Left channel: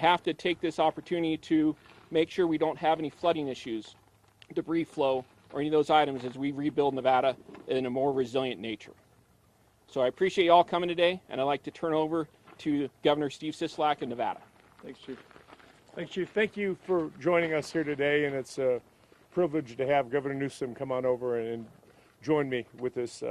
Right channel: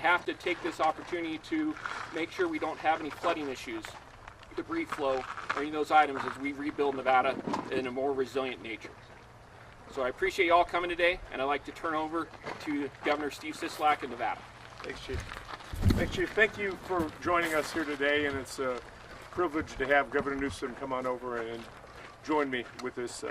Have to take this opportunity to make sure we don't have any flooding issues, debris flow, or any of those items as we rebuild Nevada in a more resilient nature. So I appreciate you all coming today, and I'd like to turn over to Governor Steve Sisolak in Nevada. Thanks, Chief. Thanks, Chief. Thank you for joining us here today, and it's a privilege to have Governor Newsom come on over and join me with this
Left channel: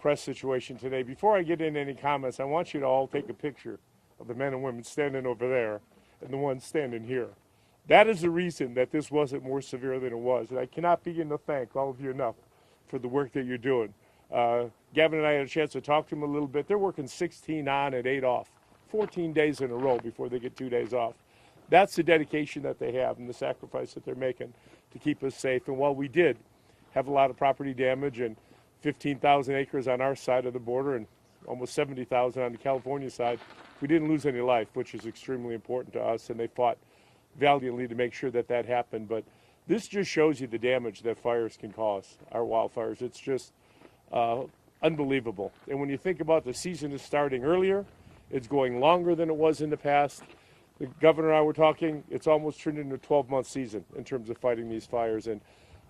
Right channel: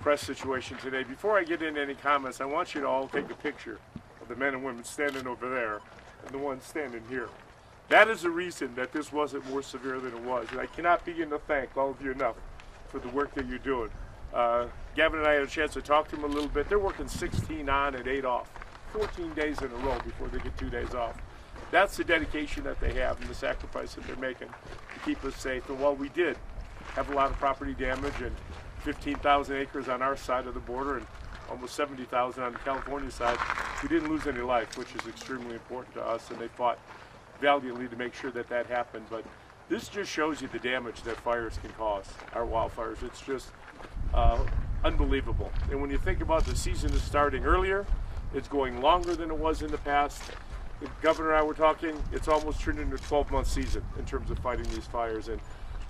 press situation today. Before I get into any comments, I want you to all take a picture of the men and women standing over there and the ones standing here. That is the reason that this wasn't more severe than it was, and I cannot begin to thank all of you enough for the work that you're doing. Gavin and I had a chance to talk to them a little bit. They're working 16 on and 8 off, 14 days in a row before they get 2 days off. That's the dedication that they have and the sacrifice that they're making to keep us safe. And while we did have a lot of property damage and 15,000 acres on our side of the border and almost 70,000 on the California side, we didn't lose any life, which is extremely important to us, and they fought valiantly to make sure that that happened. But this just shows you the damage that fires can cause, our wildfires. It's just unbelievable. And when you think about the season is starting earlier, it's going longer than it was in the past. The governor and I were talking, it's almost turned into a 12-month season in terms of fighting these fires. And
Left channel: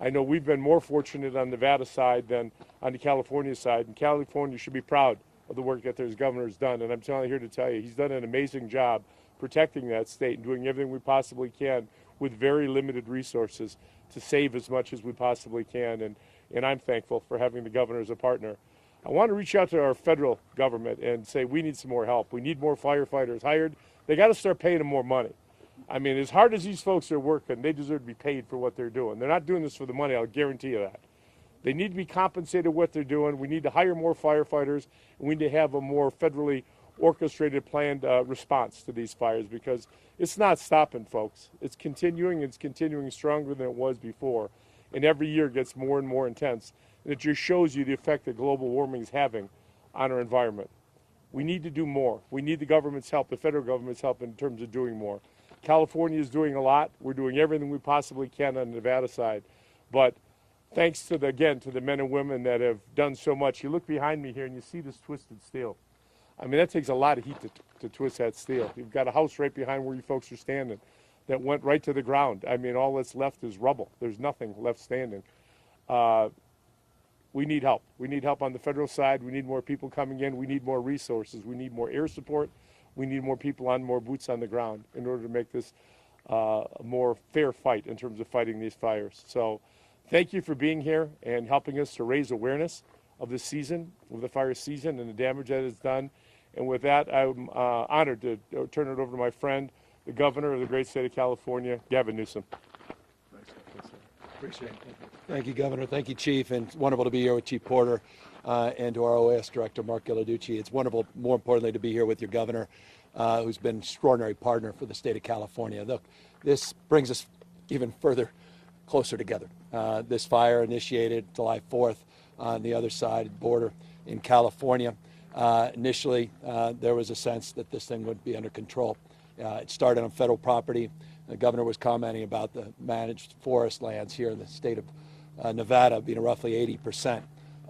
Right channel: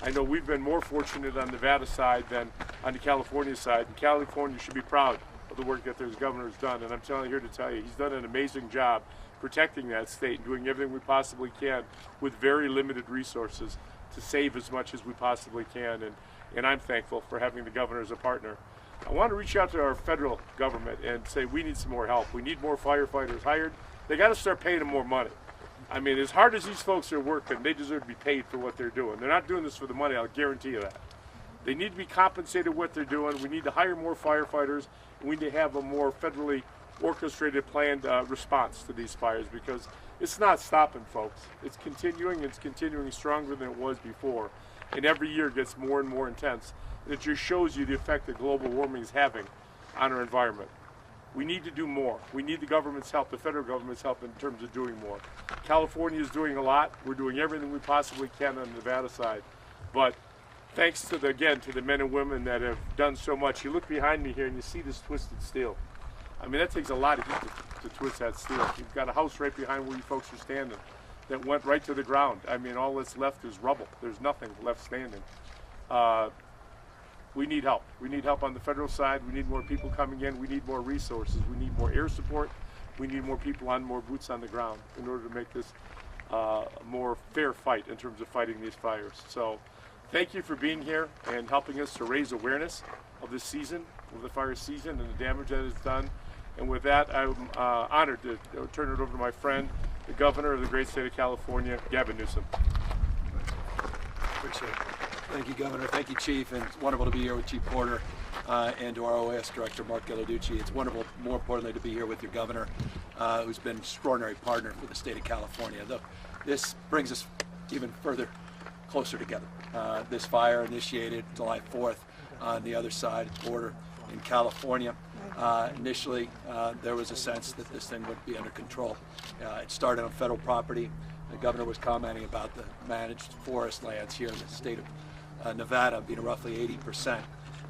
I know we've been more fortunate on the Nevada side than on the California side. And California should be proud of the work that their governor's done. And I'm here to tell you, he's done an amazing job protecting that state and doing everything we possibly can with very limited resources to save as much as we possibly can. And I'm thankful for having the governor as a partner. I want to reach out to our federal government and say we need some more help. We need more firefighters hired. They got to start paying them more money. I mean, as hard as these folks are working, they deserve to be paid for what they're doing. They're not doing this for the money, I'll guarantee you that. They need to be compensated what they're doing. We need to hire more firefighters, and we need to have a more federally orchestrated, planned response to these fires, because it's not stopping, folks. It's continuing stronger than it was before. And every year it gets more and more intense. And it just shows you the effect that global warming is having on our environment. We need to do more. We need the government's help, the federal government's help in terms of doing more. California is doing a lot. We're doing everything we possibly can on the Nevada side. But thanks to the men and women that have done so much. You look behind me here and you see this twisted steel. I mean, that takes a lot of heat to twist that steel. You've got a house right behind where you folks are standing that went right to the ground. I mean, all that's left is rubble. There's nothing left standing. We need help. We need help on the federal side. We need more people coming in. We need more resources. We need more air support. We need more people more boots on the ground in order to make this a more fair fight in terms of fighting these fires. So thank you for being here and helping us to raise awareness of this season, of the fire season, and the damage that it's done. And with that, I'm honored to turn it over to my friend, the governor of the great state of California, Gavin Newsom. Appreciate it. Thank you, Governor. Thank you, Chief. And it's wonderful to be here with Chief Porter and to our OS Director, Mark Ghilarducci. It's wonderful, more importantly, to be here with your governor, who's been an extraordinary partner for the state of California. Look, this brings us even further closer together. This fire initiated July 4th on the other side of the border in California. Initially, there was a sense that this thing would be under control. It started on federal property. The governor was commenting about the managed forest lands here in the state of Nevada being roughly 80%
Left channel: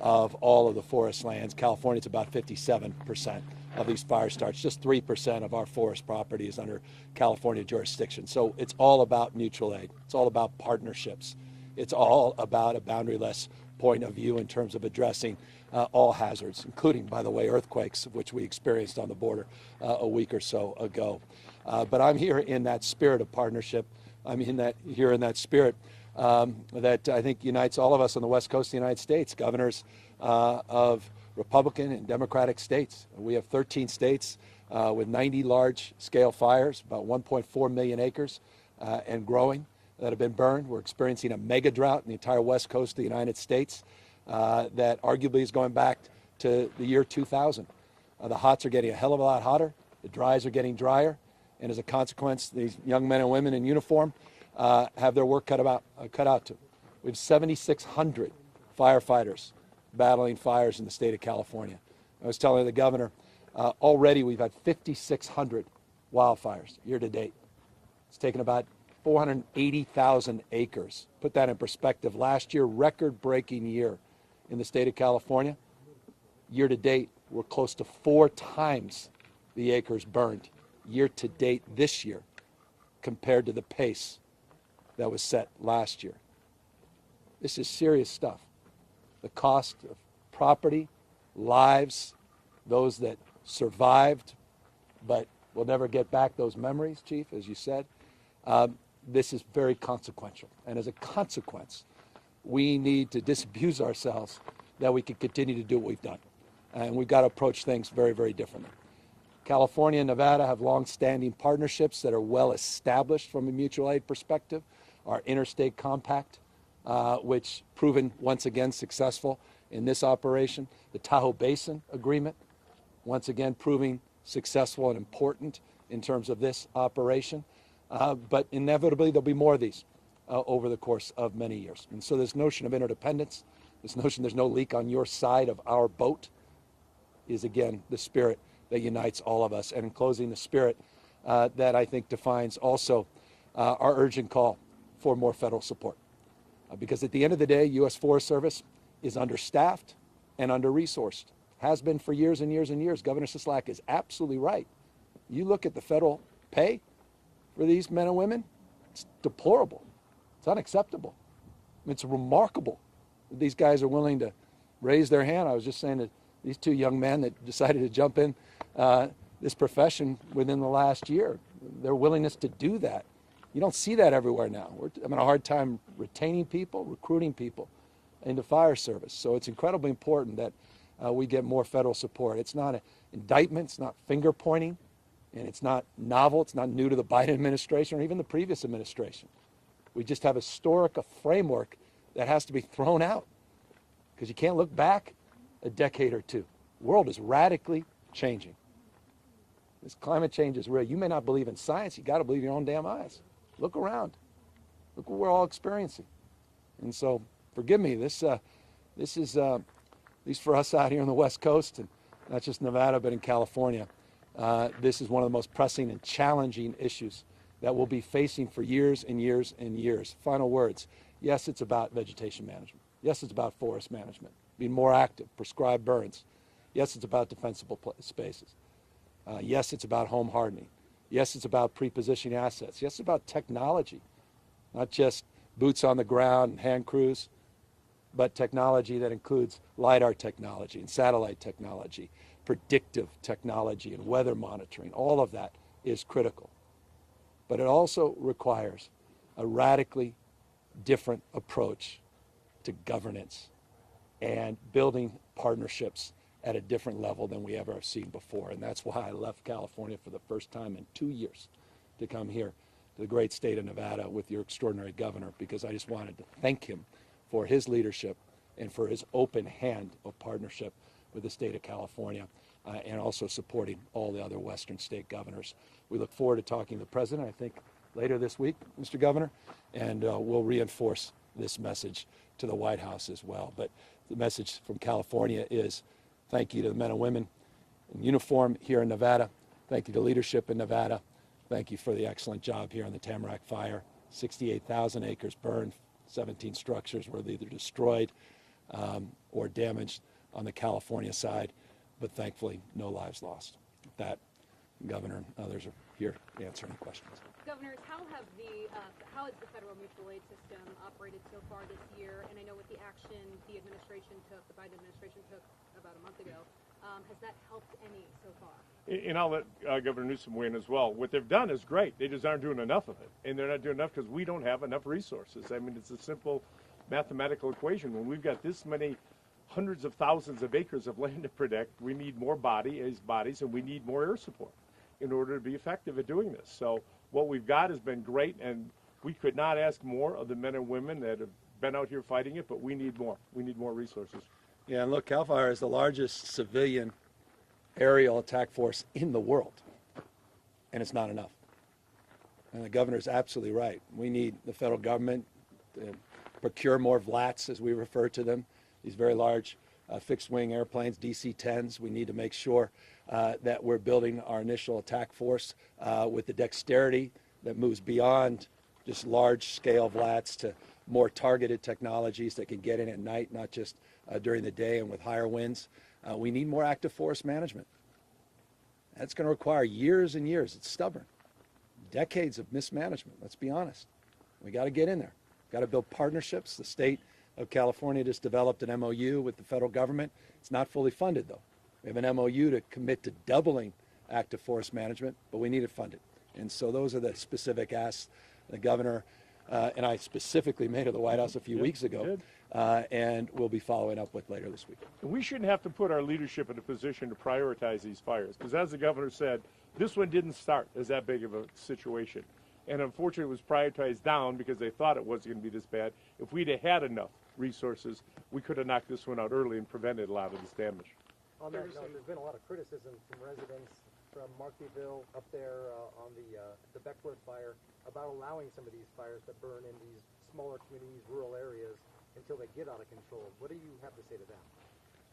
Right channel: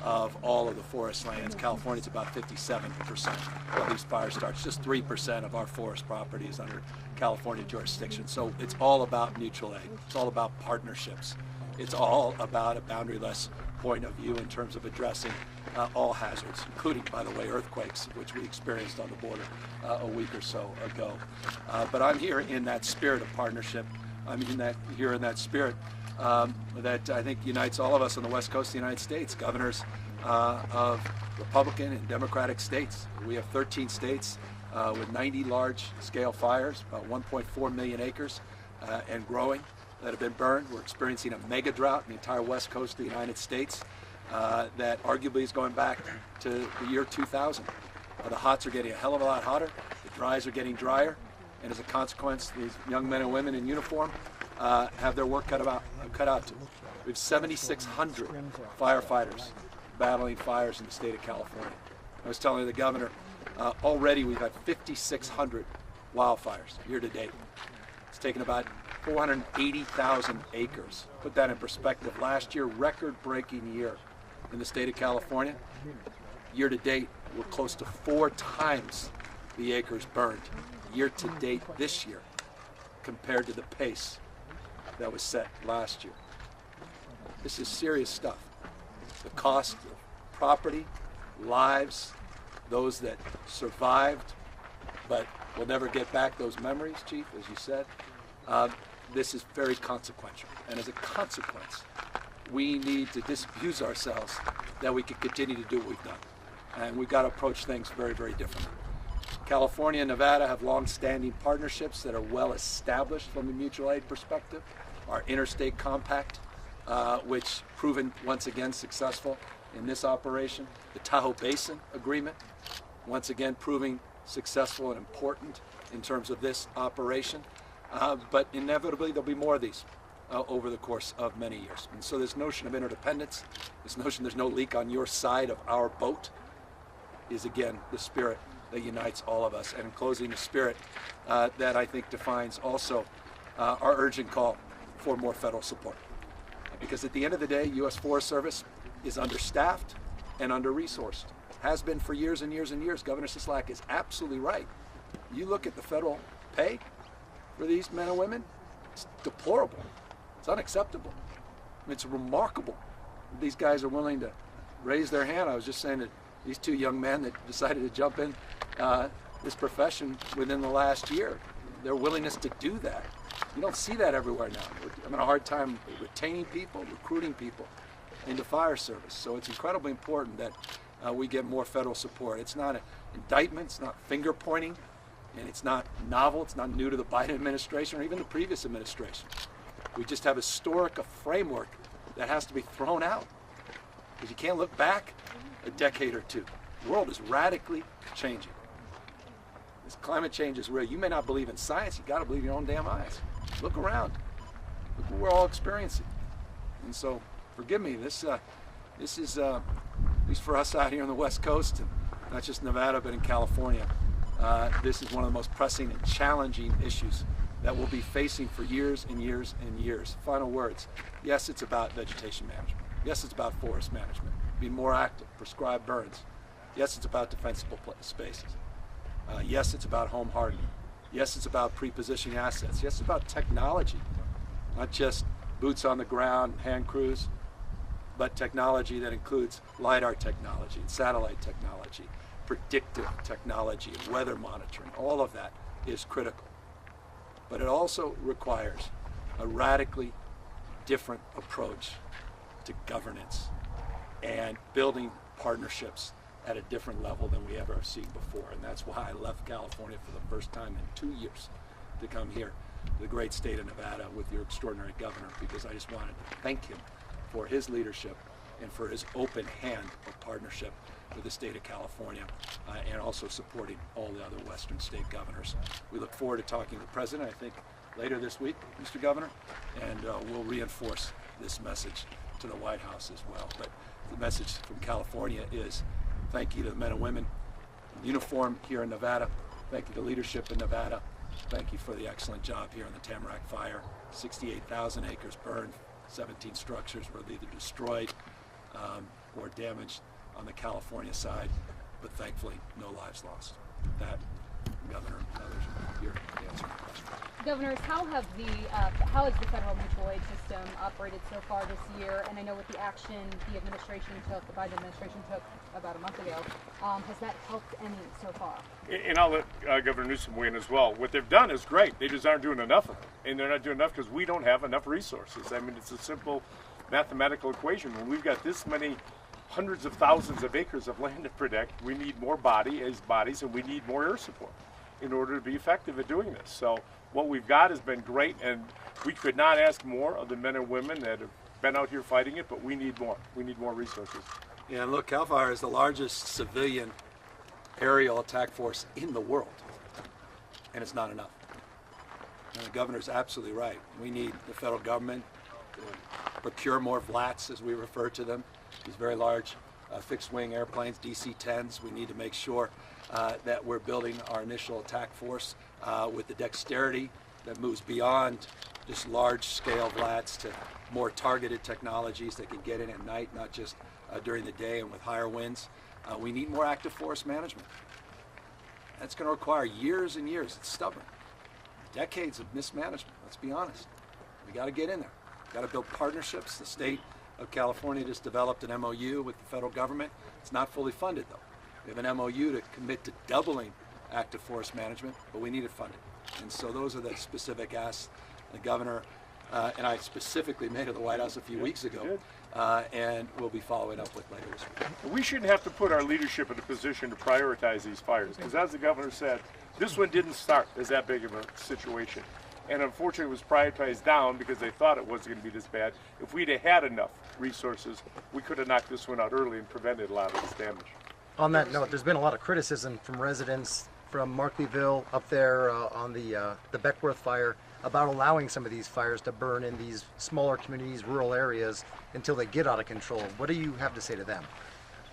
of all of the forest lands. California's about 57% of these fire starts. Just 3% of our forest property is under California jurisdiction. So it's all about mutual aid. It's all about partnerships. It's all about a boundaryless point of view in terms of addressing all hazards, including, by the way, earthquakes, which we experienced on the border a week or so ago. But I'm here in that spirit of partnership. I'm here in that spirit that I think unites all of us on the West Coast of the United States, governors of Republican and Democratic states. We have 13 states with 90 large-scale fires, about 1.4 million acres and growing, that have been burned. We're experiencing a mega drought in the entire West Coast of the United States that arguably is going back to the year 2000. The hots are getting a hell of a lot hotter, the dries are getting drier, and as a consequence, these young men and women in uniform have their work cut out to. We have 7,600 firefighters battling fires in the state of California. I was telling the governor, already we've had 5,600 wildfires year to date. It's taken about 480,000 acres. Put that in perspective. Last year, record-breaking year in the state of California. Year to date, we're close to 4 times the acres burned year to date this year compared to the pace that was set last year. This is serious stuff. The cost of property, lives, those that survived but will never get back those memories, Chief, as you said. This is very consequential. And as a consequence, we need to disabuse ourselves that we can continue to do what we've done. And we've got to approach things very, very differently. California and Nevada have long-standing partnerships that are well established from a mutual aid perspective. Our Interstate Compact, which proven once again successful in this operation. The Tahoe Basin Agreement, once again proving successful and important in terms of this operation. But inevitably there'll be more of these over the course of many years. And so this notion of interdependence, this notion there's no leak on your side of our boat, is again the spirit that unites all of us. And in closing, the spirit that I think defines also our urgent call for more federal support. Because at the end of the day, U.S. Forest Service is understaffed and under-resourced. Has been for years and years and years. Governor Sisolak is absolutely right. You look at the federal pay for these men and women, it's deplorable. It's unacceptable. I mean, it's remarkable that these guys are willing to raise their hand. I was just saying that these two young men that decided to jump in this profession within the last year, their willingness to do that. You don't see that everywhere now. I'm having a hard time retaining people, recruiting people into fire service. So it's incredibly important that we get more federal support. It's not an indictment, it's not finger pointing, and it's not novel, it's not new to the Biden administration or even the previous administration. We just have a historic framework that has to be thrown out because you can't look back a decade or two. The world is radically changing. This climate change is real. You may not believe in science, you got to believe your own damn eyes. Look around. Look what we're all experiencing. And so, forgive me, this is, at least for us out here on the West Coast, and not just Nevada, but in California, this is one of the most pressing and challenging issues that we'll be facing for years and years and years. Final words. Yes, it's about vegetation management. Yes, it's about forest management. Be more active, prescribe burns. Yes, it's about defensible spaces. Yes, it's about home hardening. Yes, it's about pre-positioning assets. Yes, it's about technology, not just boots on the ground, hand crews, but technology that includes LiDAR technology and satellite technology, predictive technology and weather monitoring. All of that is critical. But it also requires a radically different approach to governance and building partnerships at a different level than we ever have seen before. And that's why I left California for the first time in 2 years to come here to the great state of Nevada with your extraordinary governor, because I just wanted to thank him for his leadership and for his open hand of partnership with the state of California and also supporting all the other Western state governors. We look forward to talking to the president, I think, later this week, Mr. Governor, and we'll reinforce this message to the White House as well. But the message from California is thank you to the men and women in uniform here in Nevada. Thank you to leadership in Nevada. Thank you for the excellent job here on the Tamarack Fire. 68,000 acres burned, 17 structures were either destroyed or damaged on the California side, but thankfully no lives lost. That, Governor, others are here to answer any questions. Governors, how has the federal mutual aid system operated so far this year? And I know with the action the Biden administration took about a month ago, has that helped any so far? And I'll let Governor Newsom weigh in as well. What they've done is great. They just aren't doing enough of it. And they're not doing enough because we don't have enough resources. I mean, it's a simple mathematical equation. When we've got this many hundreds of thousands of acres of land to protect, we need more bodies, and we need more air support in order to be effective at doing this. So what we've got has been great, and we could not ask more of the men and women that have been out here fighting it, but we need more. We need more resources. Yeah, and look, CAL FIRE is the largest civilian aerial attack force in the world, and it's not enough. And the governor's absolutely right. We need the federal government to procure more VLATs, as we refer to them, these very large fixed-wing airplanes, DC-10s. We need to make sure that we're building our initial attack force with the dexterity that moves beyond just large-scale VLATs to more targeted technologies that can get in at night, not just during the day and with higher winds. We need more active forest management. That's going to require years and years. It's stubborn. Decades of mismanagement, let's be honest. We got to get in there. Got to build partnerships. The state of California just developed an MOU with the federal government. It's not fully funded, though. We have an MOU to commit to doubling active forest management, but we need it funded. And so those are the specific asks the governor and I specifically made at the White House a few weeks ago, and we'll be following up with later this week. We shouldn't have to put our leadership in a position to prioritize these fires, because as the governor said, this one didn't start as that big of a situation. And unfortunately it was prioritized down because they thought it wasn't going to be this bad. If we'd have had enough resources, we could have knocked this one out early and prevented a lot of this damage. On that note, there's been a lot of criticism from residents from Markleeville up there on the Beckworth fire about allowing some of these fires to burn in these smaller communities, rural areas, until they get out of control. What do you have to say to them?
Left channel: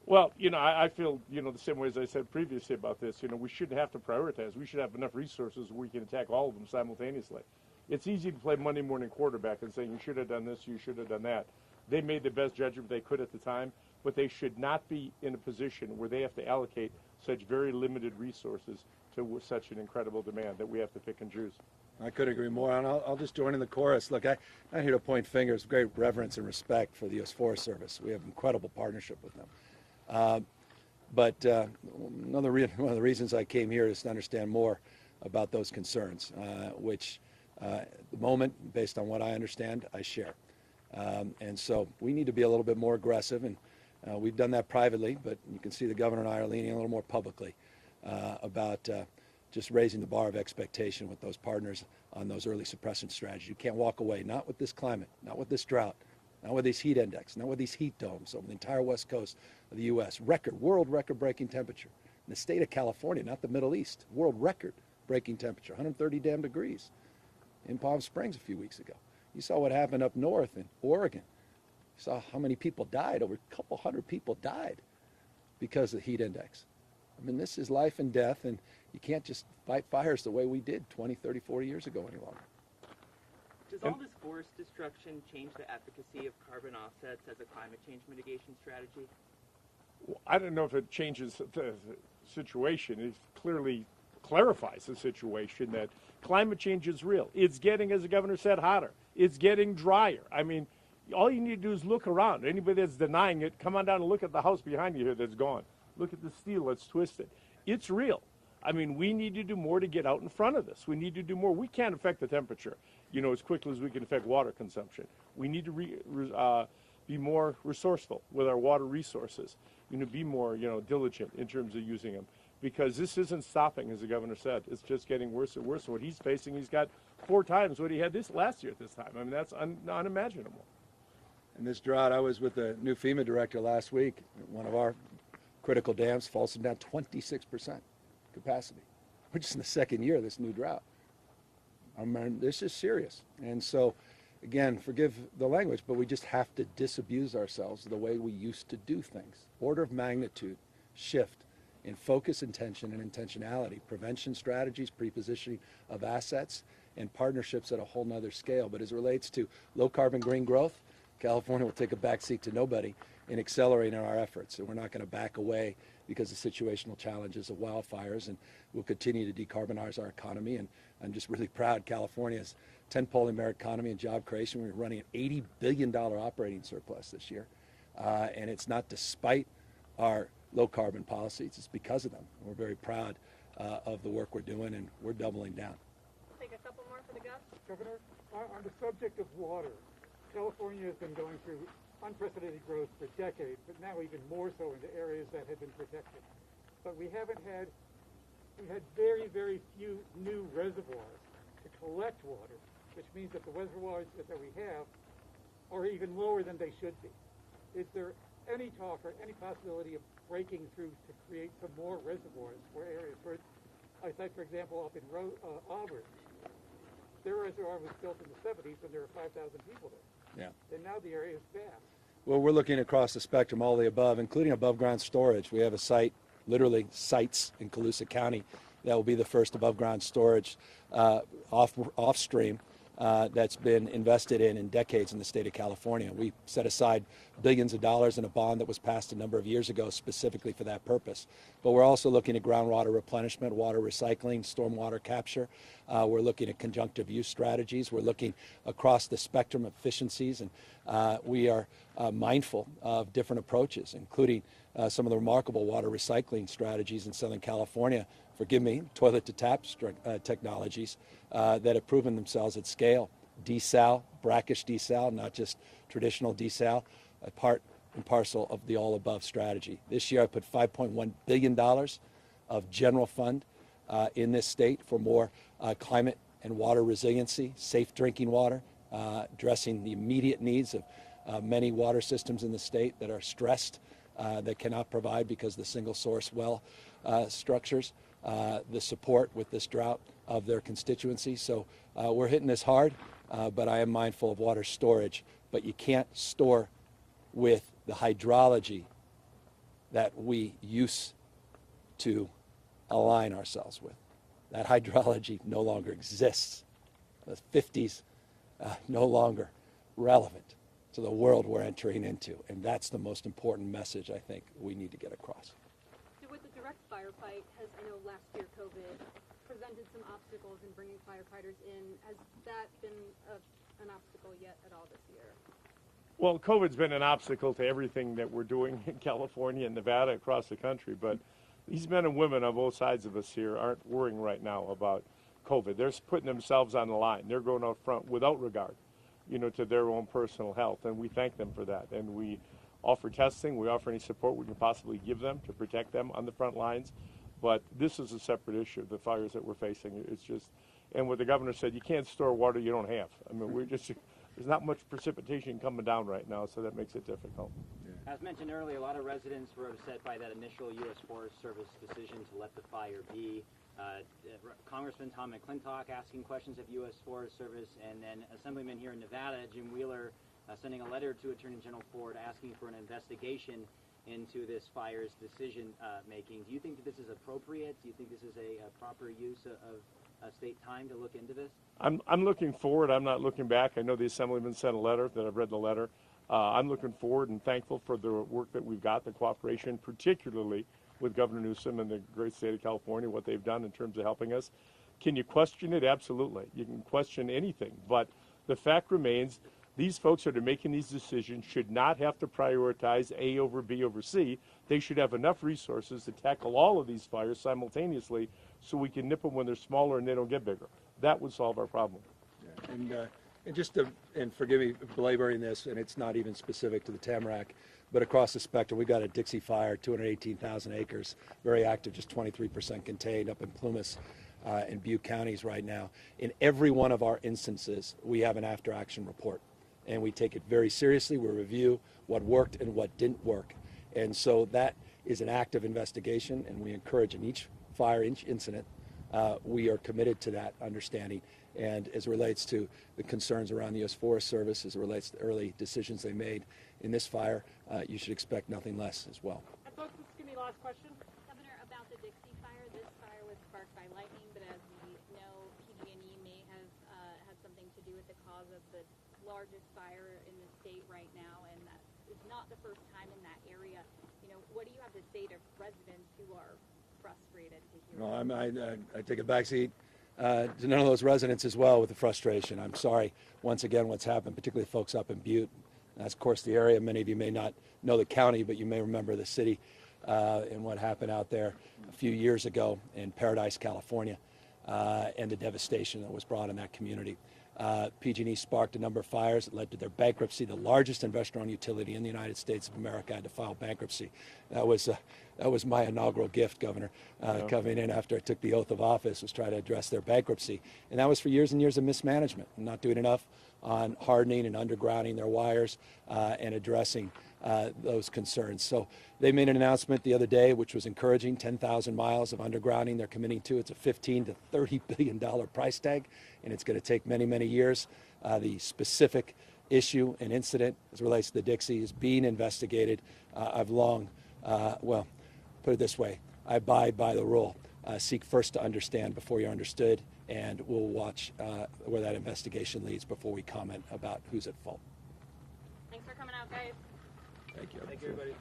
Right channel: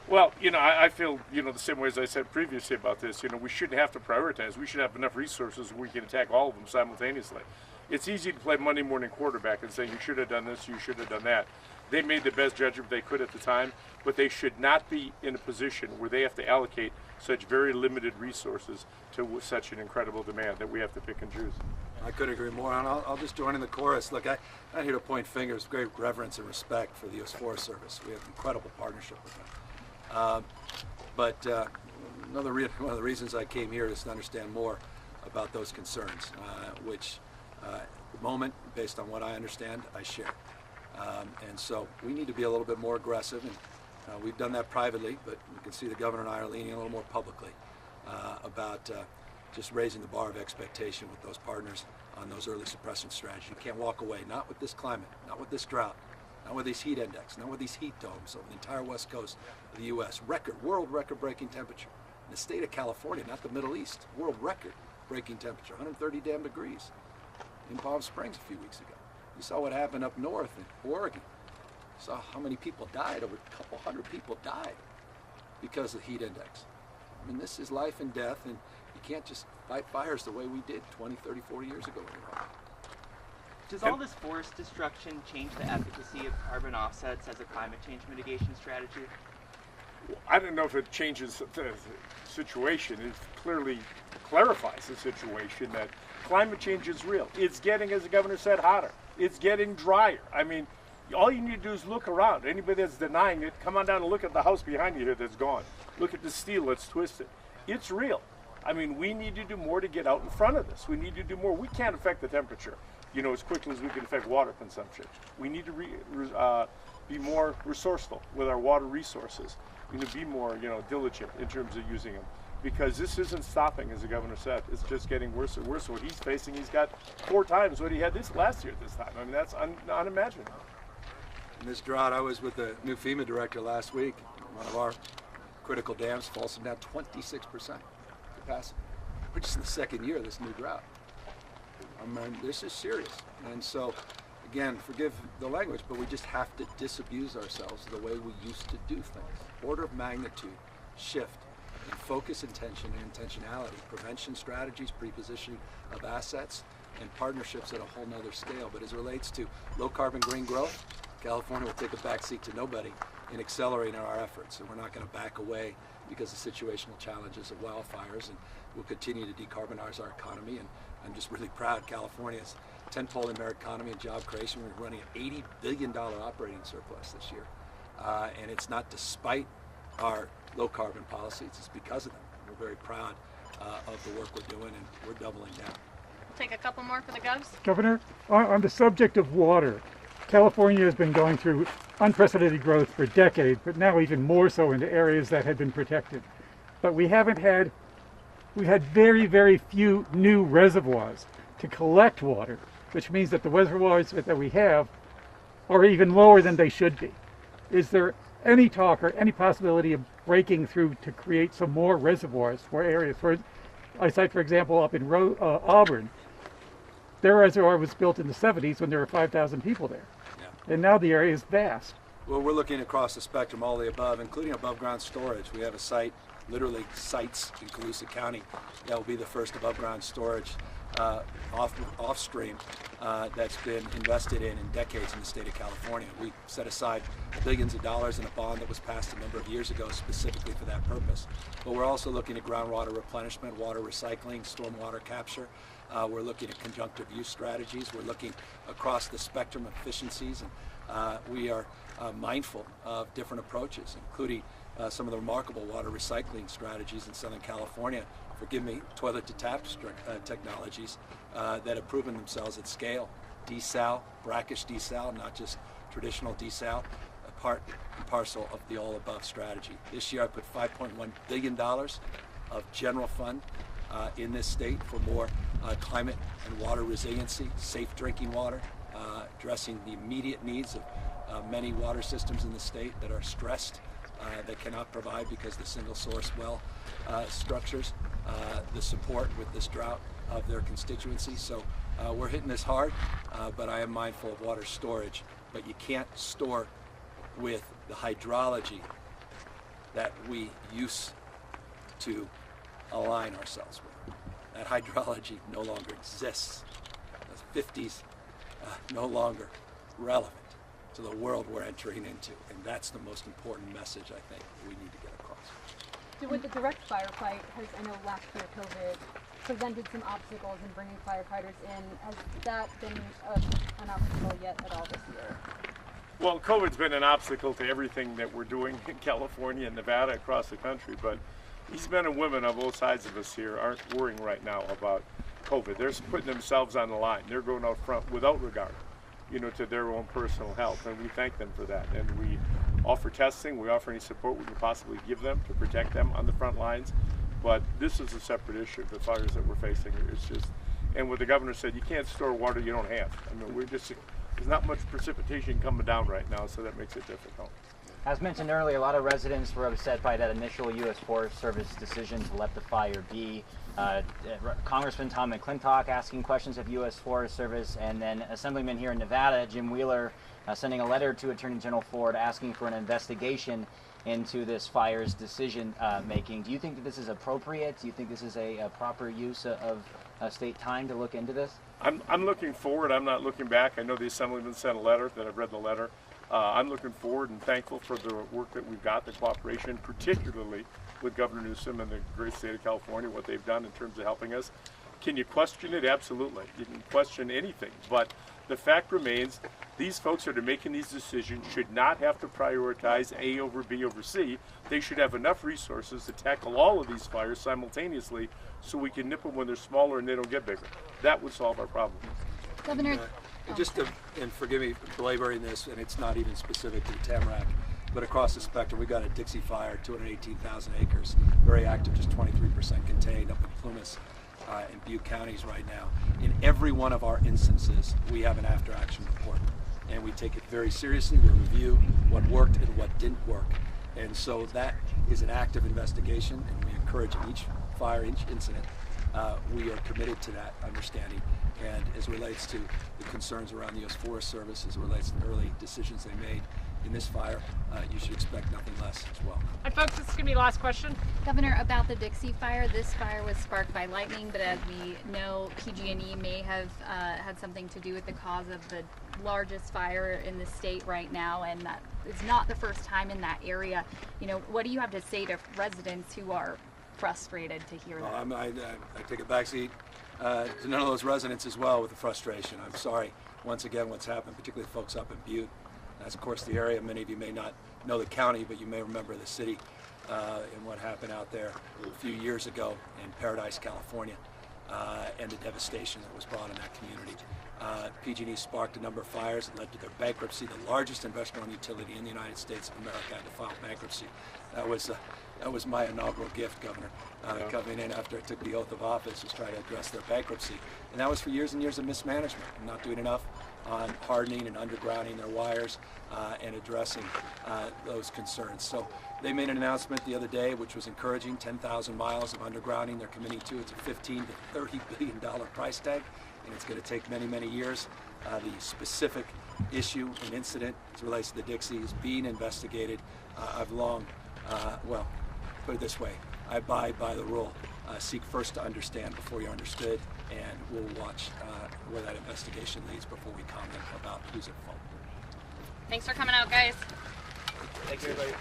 Well, I feel, the same way as I said previously about this, we shouldn't have to prioritize. We should have enough resources where we can attack all of them simultaneously. It's easy to play Monday morning quarterback and say, you should have done this, you should have done that. They made the best judgment they could at the time, but they should not be in a position where they have to allocate such very limited resources to such an incredible demand that we have to pick and choose. I couldn't agree more, and I'll just join in the chorus. Look, I'm not here to point fingers. Great reverence and respect for the U.S. Forest Service. We have an incredible partnership with them. But one of the reasons I came here is to understand more about those concerns, which at the moment, based on what I understand, I share. And so we need to be a little bit more aggressive, and we've done that privately, but you can see the governor and I are leaning a little more publicly about just raising the bar of expectation with those partners on those early suppression strategies. You can't walk away, not with this climate, not with this drought, not with these heat index, not with these heat domes over the entire west coast of the U.S. World record-breaking temperature. In the state of California, not the Middle East, world record-breaking temperature, 130 damn degrees in Palm Springs a few weeks ago. You saw what happened up north in Oregon. You saw how many people died. Over a couple hundred people died because of the heat index. I mean, this is life and death, and you can't just fight fires the way we did 20, 30, 40 years ago anymore. Does all this forest destruction change the efficacy of carbon offsets as a climate change mitigation strategy? Well, I don't know if it changes the situation. It clearly clarifies the situation that climate change is real. It's getting, as the governor said, hotter. It's getting drier. I mean, all you need to do is look around. Anybody that's denying it, come on down and look at the house behind you here that's gone. Look at the steel that's twisted. It's real. I mean, we need to do more to get out in front of this. We need to do more. We can't affect the temperature, as quickly as we can affect water consumption. We need to be more resourceful with our water resources. We need to be more, diligent in terms of using them. Because this isn't stopping, as the governor said. It's just getting worse and worse. What he's facing, he's got 4 times what he had last year at this time. I mean, that's unimaginable. In this drought, I was with the new FEMA director last week. One of our critical dams, Folsom, down 26% capacity. We're just in the second year of this new drought. I mean, this is serious. And so, again, forgive the language, but we just have to disabuse ourselves of the way we used to do things. Order of magnitude shift in focus, intention, and intentionality. Prevention strategies, prepositioning of assets, and partnerships at a whole nother scale. But as it relates to low carbon green growth, California will take a backseat to nobody in accelerating our efforts. And we're not going to back away because of situational challenges of wildfires, and we'll continue to decarbonize our economy. And I'm just really proud California's tentpole in our economy and job creation. We're running an $80 billion operating surplus this year. And it's not despite our low carbon policies, it's because of them. And we're very proud of the work we're doing, and we're doubling down. We'll take a couple more for the Govs. Governor, on the subject of water, California has been going through unprecedented growth for decades, but now even more so into areas that had been protected. But we've had very, very few new reservoirs to collect water, which means that the reservoirs that we have are even lower than they should be. Is there any talk or any possibility of breaking through to create some more reservoirs for areas? I cite, for example, up in Auburn, their reservoir was built in the 70s when there were 5,000 people there. Yeah. And now the area is vast. Well, we're looking across the spectrum, all the above, including above ground storage. We have a site, literally sites in Colusa County, that will be the first above ground storage off stream that's been invested in decades in the state of California. We set aside billions of dollars in a bond that was passed a number of years ago specifically for that purpose. But we're also looking at groundwater replenishment, water recycling, stormwater capture. We're looking at conjunctive use strategies. We're looking across the spectrum of efficiencies, and we are mindful of different approaches, including some of the remarkable water recycling strategies in Southern California. Forgive me, toilet to tap technologies that have proven themselves at scale. Desal, brackish desal, not just traditional desal, a part and parcel of the all above strategy. This year I put $5.1 billion of general fund in this state for more climate and water resiliency, safe drinking water, addressing the immediate needs of many water systems in the state that are stressed, that cannot provide because the single source well structures the support with this drought of their constituency. So we're hitting this hard, but I am mindful of water storage. But you can't store with the hydrology that we used to align ourselves with. That hydrology no longer exists. The 50s no longer relevant to the world we're entering into, and that's the most important message I think we need to get across. So with the direct firefight, I know last year COVID presented some obstacles in bringing firefighters in. Has that been an obstacle yet at all this year? Well, COVID's been an obstacle to everything that we're doing in California and Nevada, across the country, but these men and women on both sides of us here aren't worrying right now about COVID. They're putting themselves on the line. They're going out front without regard, to their own personal health, and we thank them for that. And we offer testing, we offer any support we can possibly give them to protect them on the front lines. But this is a separate issue. The fires that we're facing is just, and what the governor said, you can't store water you don't have. I mean, there's not much precipitation coming down right now, so that makes it difficult. As mentioned earlier, a lot of residents were upset by that initial U.S. Forest Service decision to let the fire be. Congressman Tom McClintock asking questions of U.S. Forest Service, and then Assemblyman here in Nevada, Jim Wheeler, sending a letter to Attorney General Ford asking for an investigation into this fire's decision making. Do you think that this is appropriate? Do you think this is a proper use of state time to look into this? I'm looking forward. I'm not looking back. I know the Assemblyman sent a letter, that I've read the letter. I'm looking forward and thankful for the work that we've got, the cooperation, particularly with Governor Newsom and the great state of California, what they've done in terms of helping us. Can you question it? Absolutely. You can question anything. But the fact remains, these folks that are making these decisions should not have to prioritize A over B over C. They should have enough resources to tackle all of these fires simultaneously so we can nip them when they're smaller and they don't get bigger. That would solve our problem. Governor, And forgive me for belaboring this, and it's not even specific to the Tamarack, but across the spectrum, we got a Dixie Fire, 218,000 acres, very active, just 23% contained up in Plumas in Butte counties right now. In every one of our instances, we have an after-action report, and we take it very seriously. We review what worked and what didn't work, and so that is an active investigation, and we encourage in each fire, each incident, we are committed to that understanding. And as it relates to the concerns around the U.S. Forest Service, as it relates to the early decisions they made in this fire, you should expect nothing less as well. And folks, this is going to be the last question. Governor, about the Dixie Fire, this fire was sparked by lightning, but as we know, PG&E may have had something to do with the cause of the largest fire in the state right now, and that is not the first time in that area. What do you have to say to residents who are frustrated to hear that? Well, I take a backseat to none of those residents as well with the frustration. I'm sorry, once again, what's happened, particularly folks up in Butte. That's, of course, the area. Many of you may not know the county, but you may remember the city and what happened out there a few years ago in Paradise, California, and the devastation that was brought in that community. PG&E sparked a number of fires that led to their bankruptcy. The largest investor-owned utility in the United States of America had to file bankruptcy. That was my inaugural gift, Governor, coming in after I took the oath of office, was trying to address their bankruptcy. And that was for years and years of mismanagement, and not doing enough on hardening and undergrounding their wires and addressing those concerns. So they made an announcement the other day, which was encouraging, 10,000 miles of undergrounding they're committing to. It's a $15 to $30 billion price tag, and it's going to take many, many years. The specific issue and incident as it relates to the Dixie is being investigated. I've long, put it this way, I abide by the rule. Seek first to understand before you're understood. and we'll watch where that investigation leads before we comment about who's at fault. Thanks for coming out, guys. Thanks, everybody.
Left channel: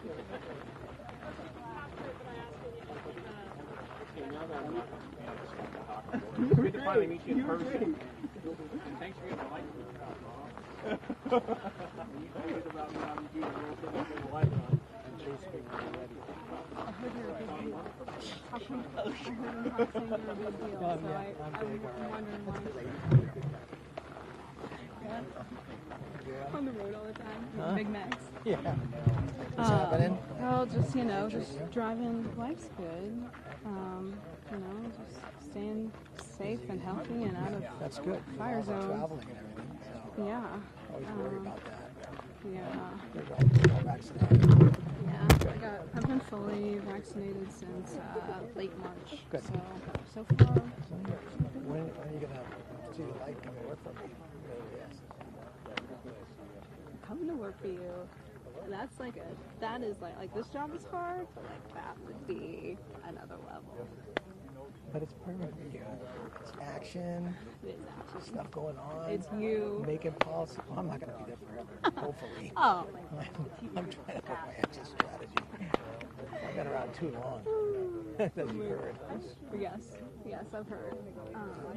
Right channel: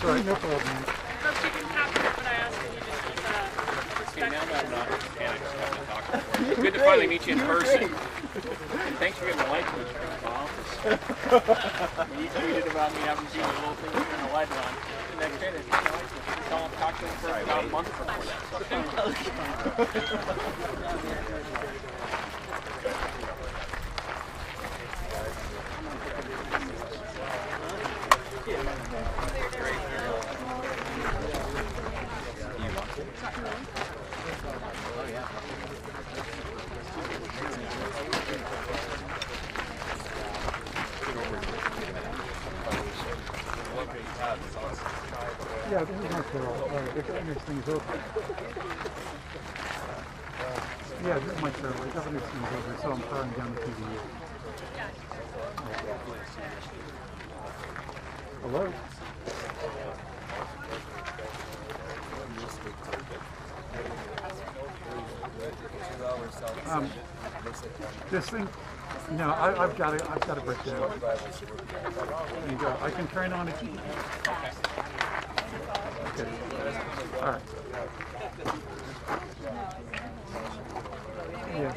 Sorry, no problem. Good to finally meet you in person. Thanks for getting the light switch from my office. When you tweeted about me having seen the little thing in the light on, the next day they turned the light switch. We saw him talk to him for about a month before that. Yeah, this thing's over. Yeah, this might serve. This thing's over, so I'm throwing down the KTVU. Hello? This thing, no, I've got it. I've got it break down. I can turn on a key. Okay. All right. Yeah.